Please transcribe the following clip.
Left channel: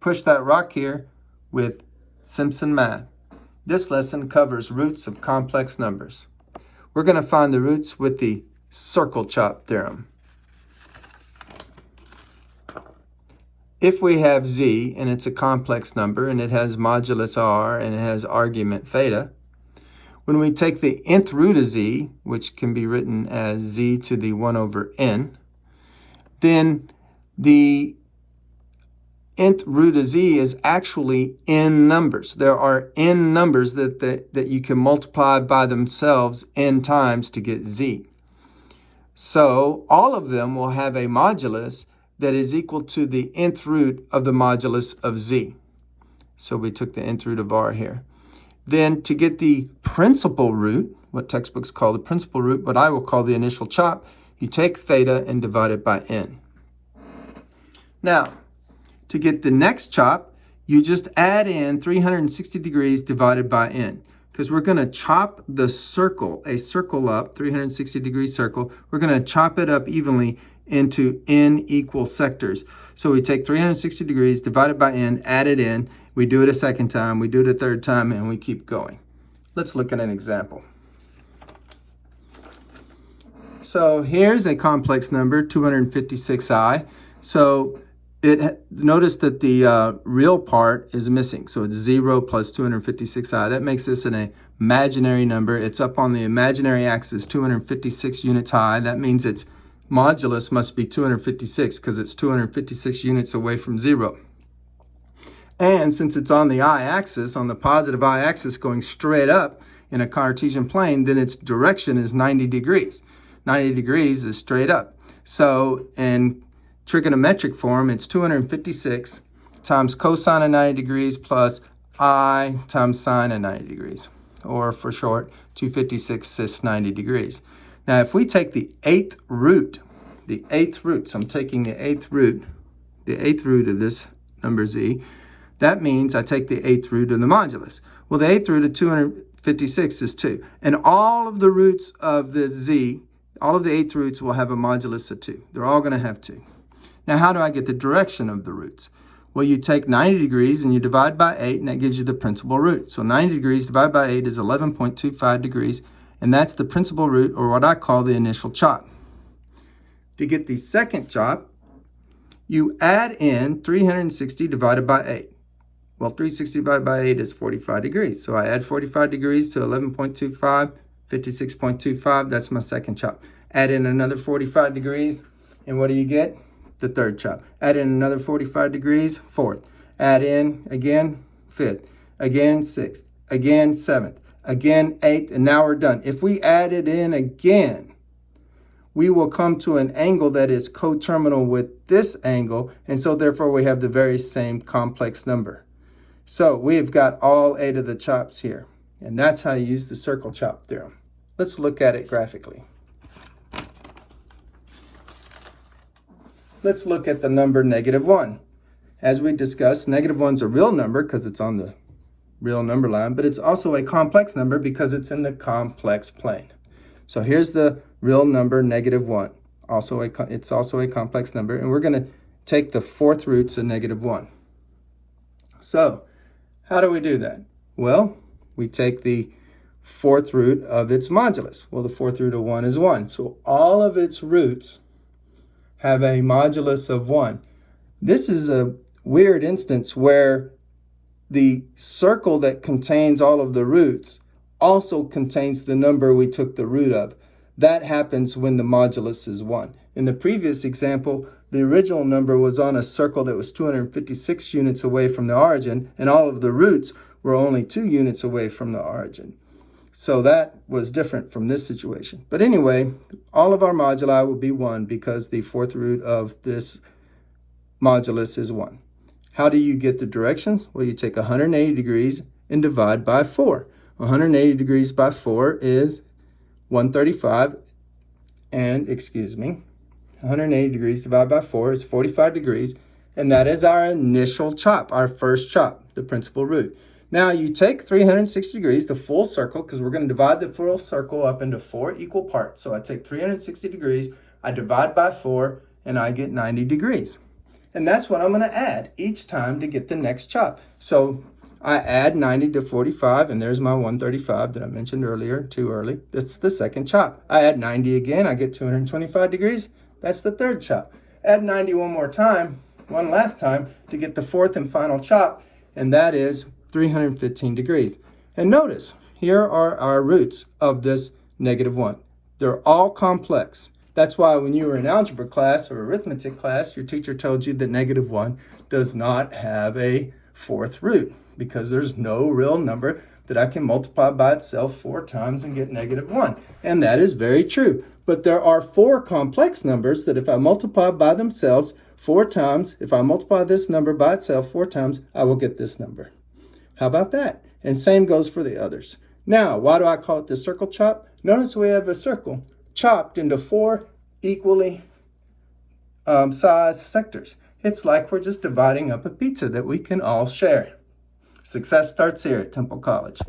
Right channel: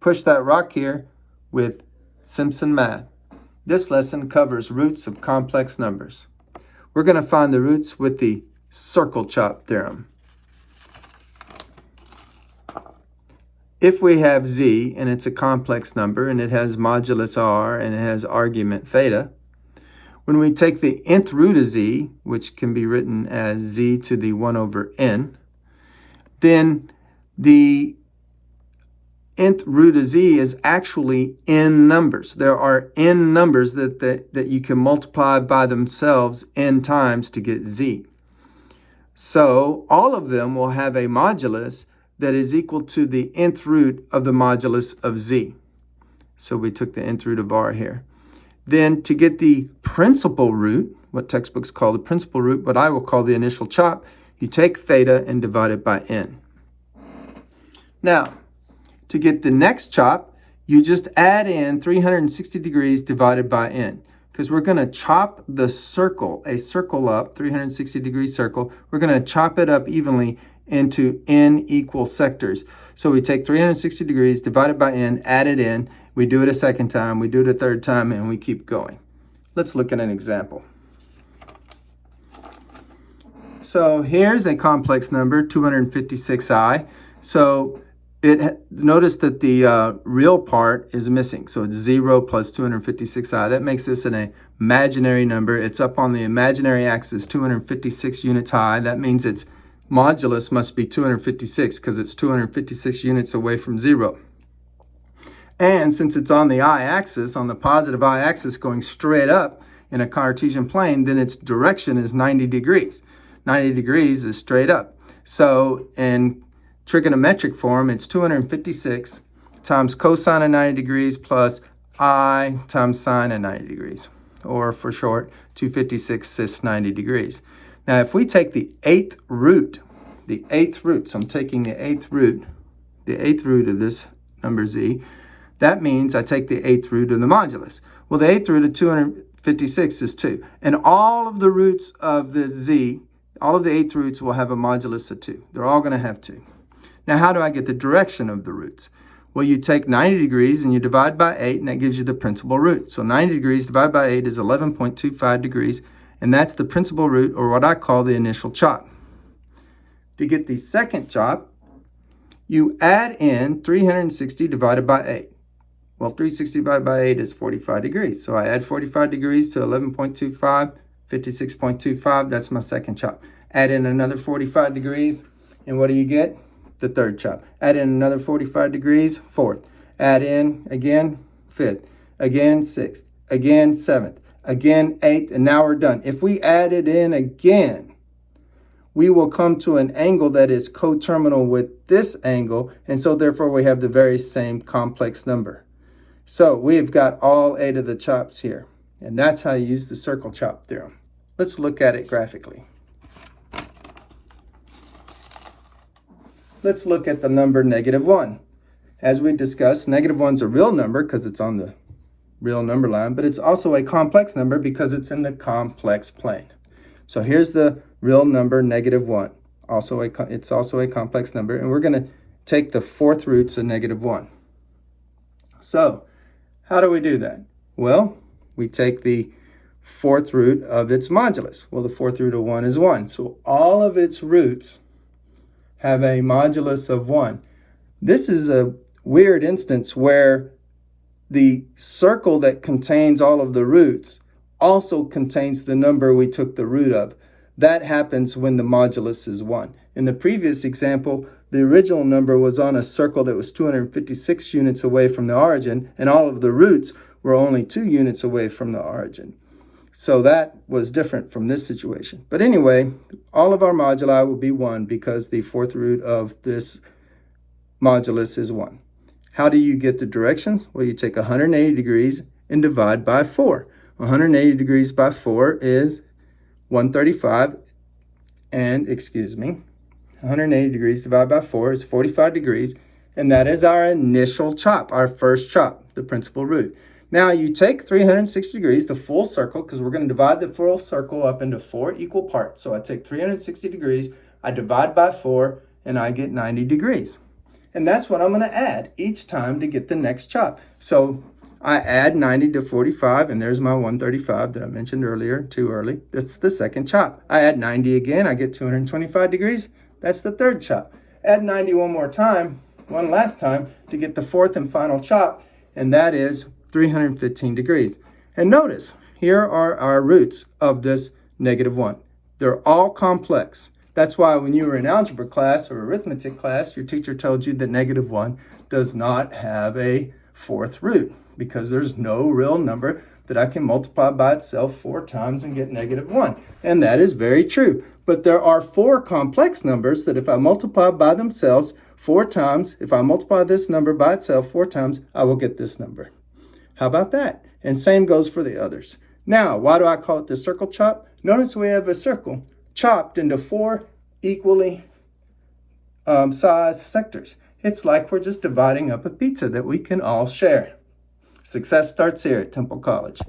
Push that rock here with Simpson Math. This lesson covers roots of complex numbers. We're going to find the roots with the circle chop theorem. If we have z and it's a complex number and it has modulus r and it has argument theta, when we take the nth root of z, which can be written as z to the 1 over n, then the nth root of z is actually n numbers. There are n numbers that you can multiply by themselves n times to get z. So all of them will have a modulus that is equal to the nth root of the modulus of z. So we took the nth root of r here. Then to get the principal root, what textbooks call the principal root, but I will call the initial chop, you take theta and divide it by n. Now, to get the next chop, you just add in 360 degrees divided by n. Because we're going to chop the circle, a circle up, 360 degree circle, we're going to chop it up evenly into n equal sectors. So we take 360 degrees divided by n, add it in, we do it a second time, we do it a third time, and we keep going. Let's look at an example. So here's a complex number, 256i. So notice that the real part is missing. So it's 0 plus 256i. That makes this an imaginary number. It's up on the imaginary axis, 256 units high. That means its modulus must be 256 because it's 256 units away from 0. And since it's on the y-axis, on the positive y-axis going straight up in a Cartesian plane, then its direction is 90 degrees. 90 degrees is straight up. So in trigonometric form, it's 256 times cosine of 90 degrees plus I times sine of 90 degrees. Or for short, 256 cis 90 degrees. Now, if we take the eighth root, so I'm taking the eighth root of this number z, that means I take the eighth root of the modulus. Well, the eighth root of 256 is 2. And all of the roots of the z, all of the eighth roots will have a modulus of 2. They're all going to have 2. Now, how do I get the direction of the roots? Well, you take 90 degrees and you divide by 8, and that gives you the principal root. So 90 degrees divided by 8 is 11.25 degrees. And that's the principal root, or what I call the initial chop. To get the second chop, you add in 360 divided by 8. Well, 360 divided by 8 is 45 degrees. So I add 45 degrees to 11.25, 56.25. That's my second chop. Add in another 45 degrees, and what do you get? The third chop. Add in another 45 degrees, fourth. Add in again, fifth. Again, sixth. Again, seventh. Again, eighth, and now we're done. If we add it in again, we will come to an angle that is coterminal with this angle, and so therefore we have the very same complex number. So we have got all 8 of the chops here, and that's how you use the circle chop theorem. Let's look at it graphically. Let's look at the number -1. As we discussed, -1's a real number because it's on the real number line, but it's also a complex number because it's in the complex plane. So here's the real number -1. It's also a complex number, and we're going to take the fourth roots of -1. So how do we do that? Well, we take the fourth root of its modulus. Well, the fourth root of 1 is 1. So all of its roots have a modulus of 1. This is a weird instance where the circle that contains all of the roots also contains the number we took the root of. That happens when the modulus is 1. In the previous example, the original number was on a circle that was 256 units away from the origin, and all of the roots were only 2 units away from the origin. So that was different from this situation. But anyway, all of our moduli will be 1 because the fourth root of this modulus is 1. How do you get the directions? Well, you take 180 degrees and divide by 4. 180 degrees by 4 is 135, and 180 degrees divided by 4 is 45 degrees, and that is our initial chop, our first chop, the principal root. Now you take 360 degrees, the full circle, because we're going to divide the full circle up into 4 equal parts. So I take 360 degrees, I divide by 4, and I get 90 degrees. And that's what I'm going to add each time to get the next chop. So I add 90 to 45, and there's my 135 that I mentioned earlier, too early. That's the second chop. I add 90 again, I get 225 degrees. That's the third chop. Add 90 one more time, one last time, to get the fourth and final chop, and that is 315 degrees. And notice, here are our roots of this -1. They're all complex. That's why when you were in algebra class or arithmetic class, your teacher told you that -1 does not have a fourth root, because there's no real number that I can multiply by itself 4 times and get -1. And that is very true. But there are 4 complex numbers that if I multiply by themselves 4 times, if I multiply this number by itself 4 times, I will get this number. How about that? And same goes for the others. Now, why do I call it the circle chop? Notice we have a circle chopped into 4 equally sized sectors. It's like we're just dividing up a pizza that we can all share. Success starts here at Temple College.